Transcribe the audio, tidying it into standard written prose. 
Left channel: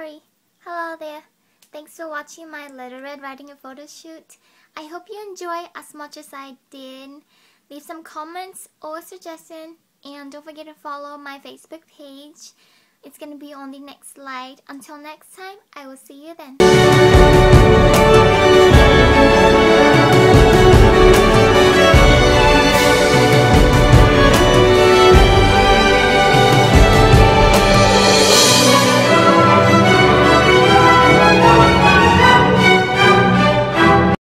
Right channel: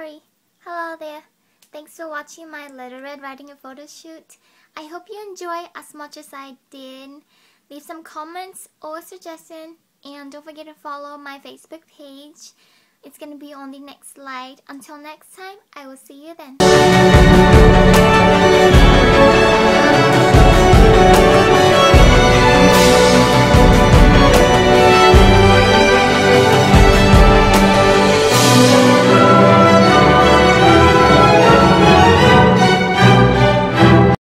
Sorry. Hello there. Thanks for watching my Little Red Riding Hood photo shoot. I hope you enjoy as much as I did. Leave some comments or suggestions, and don't forget to follow my Facebook page. It's gonna be on the next slide. Until next time, I will see you then.